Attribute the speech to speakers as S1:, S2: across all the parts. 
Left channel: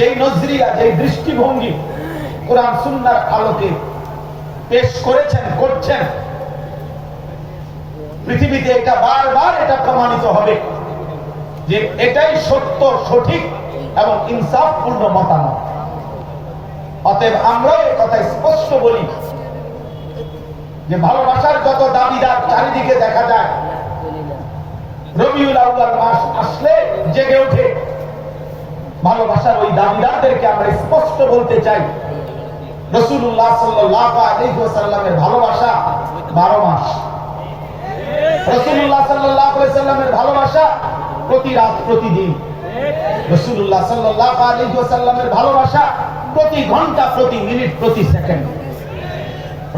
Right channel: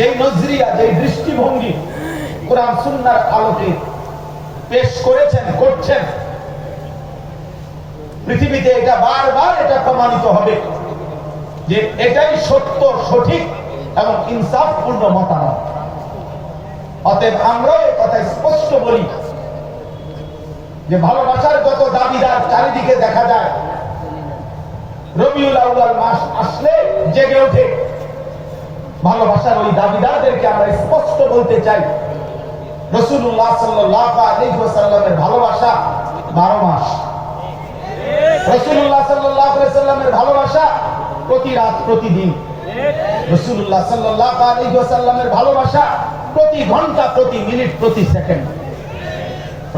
S1: যেই নজরিয়া, যেই দৃষ্টিভঙ্গি কোরআন সুন্নার আলোকে পেশ করেছেন, করছেন, পৃথিবীতে এটা বারবার এটা প্রমাণিত হবে যে এটাই সত্য, সঠিক এবং ইনসাফপূর্ণ মতামত। অতএব আমরা এ কথা স্পষ্ট বলি যে ভালোবাসার যত দাবিদার চারিদিকে দেখা যায়। রবিউল আউয়াল মাস আসলে জেগে ওঠে। ভালোবাসার ওই দাবিদারদেরকে আমরা স্পষ্ট বলতে চাই। রসুল্লাহ সাল্লাহ ভালোবাসা বারো মাস। রসুল্লাহ সাল্লাহ ভালোবাসা প্রতি রাত, প্রতিদিন। রসুল্লাহ সাল্লাহ ভালোবাসা প্রতি ঘণ্টা, প্রতি মিনিট, প্রতি সেকেন্ড।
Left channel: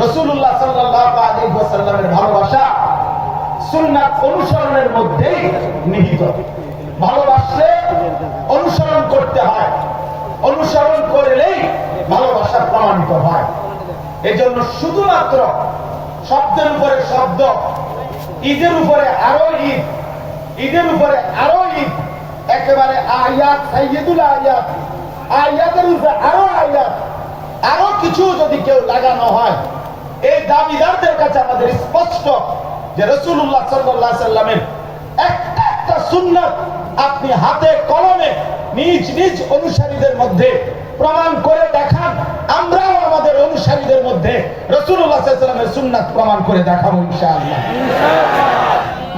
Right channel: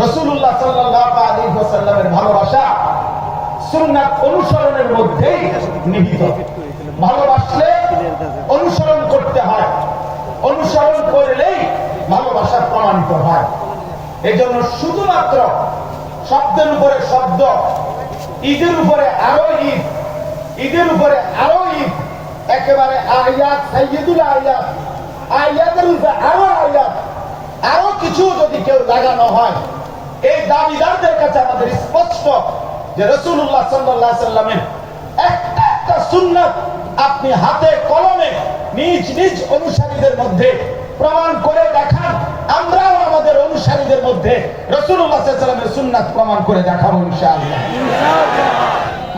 S1: রসুল্লাহ সাল্লাহ ভালোবাসা অনুসরণের মধ্যেই নিহিত। ভালোবাসলে অনুসরণ করতে হয়। অনুসরণ করলেই ভালোবাসা প্রমাণিত হয়। এজন্য শুধুমাত্র শব্দের উপরে শব্দ, ঈদের উপরে আরও ঈদ, ঈদের উপরে আরও ঈদ, একেবারে আরও আরও কিছু যদি কেউ লাগানো হয়, এই দাবিদারদের কাছে আমাদের স্পষ্ট যে রসুল্লাহ সাল্লাহ সাল্লামের একটা একটা সুন্নত আপনি হাতে কলমে নিজ নিজ অনুসারীদের মধ্যে প্রমাণ করে দেখান। আমরাও আমাদের অনুসারীদের মধ্যে সাল্লামের সুন্নাত প্রমাণ করে দেখাবো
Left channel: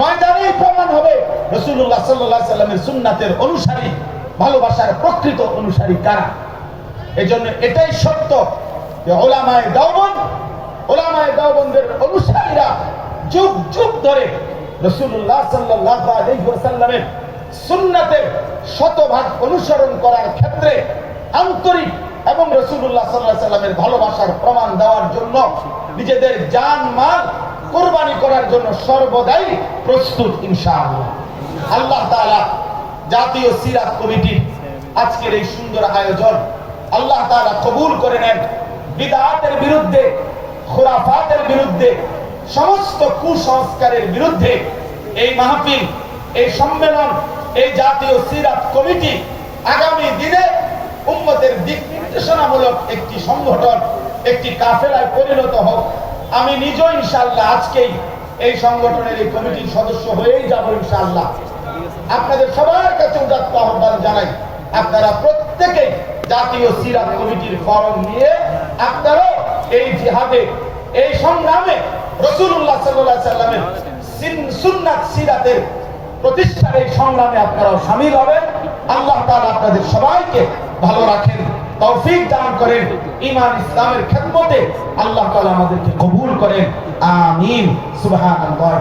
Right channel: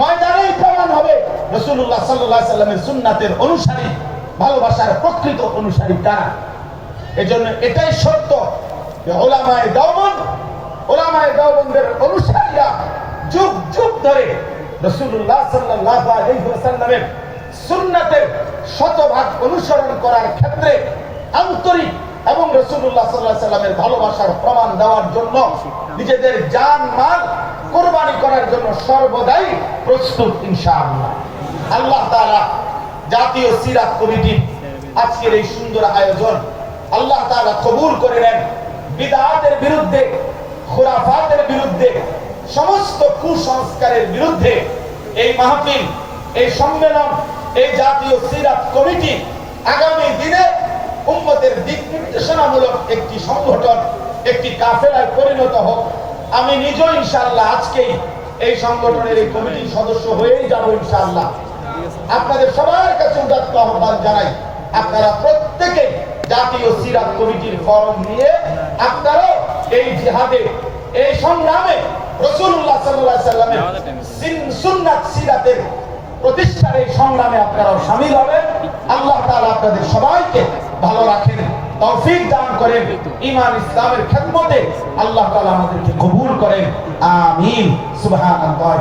S1: ময়দানেই প্রমাণ হবে রসুল্লাহ সাল্লাহ সাল্লামের সুন্নাতের অনুসারী, ভালোবাসার প্রকৃত অনুসারী কারা? এজন্য এটাই সত্য যে ওলামায় দাওবন ওলামায় দাওবন্দের অনুসারীরা যুগ যুগ ধরে রসুল্লাহ সাল্লাল্লাহু আলাইহি ওয়াসাল্লামের সুন্নাতের শতভাগ অনুসরণ করার ক্ষেত্রে আন্তরিক এবং রসুল্লাহ সাল্লাহ সাল্লামের ভালোবাসার প্রমাণ দেওয়ার জন্য নিজেদের জান মাল কোরবানি করার জন্য সর্বদাই প্রস্তুত, ইনশাআল্লাহ। আল্লাহ তাআলা জাতীয় সিরাত কমিটির আজকের এই সুন্দর আয়োজন আল্লাহ তাআলা কবুল করে নেন। বিদআতের বিরুদ্ধে, খুরাফাতের বিরুদ্ধে, সমস্ত কুসংস্কারের বিরুদ্ধে এই মাহফিল, এই সম্মেলন এই জাতীয় সিরাত কমিটি আগামী দিনে উম্মতের দিক নির্দেশনামূলক একটি সংগঠন, একটি কাফেলায় পরিণত হোক। আমি নিজেও ইনশাআল্লাহ আজকেই এই সংগঠনের এই কমিটির সদস্য হয়েই যাব ইনশাআল্লাহ। আপনাদের সবার কাছে উদাত্ত আহ্বান জানাই, আপনারা প্রত্যেকে জাতীয় সিরাত কমিটির ফর্ম নিয়ে আপনারাও এই জিহাদে, এই সংগ্রামে রসুল্লাহ সাল্লাহ সাল্লামের সিরাতের প্রতিষ্ঠার এই সংগ্রামে আপনারাও সামিল হবেন। আল্লাহ তাআলা আপনাদের সবাইকে ভালো রাখেন, তৌফিক দান করেন। ইমান ইসলামের খেদমতে আল্লাহ তাআলা আমাদেরকে কবুল করেন। আমিন। সুবহানাল্লাহ।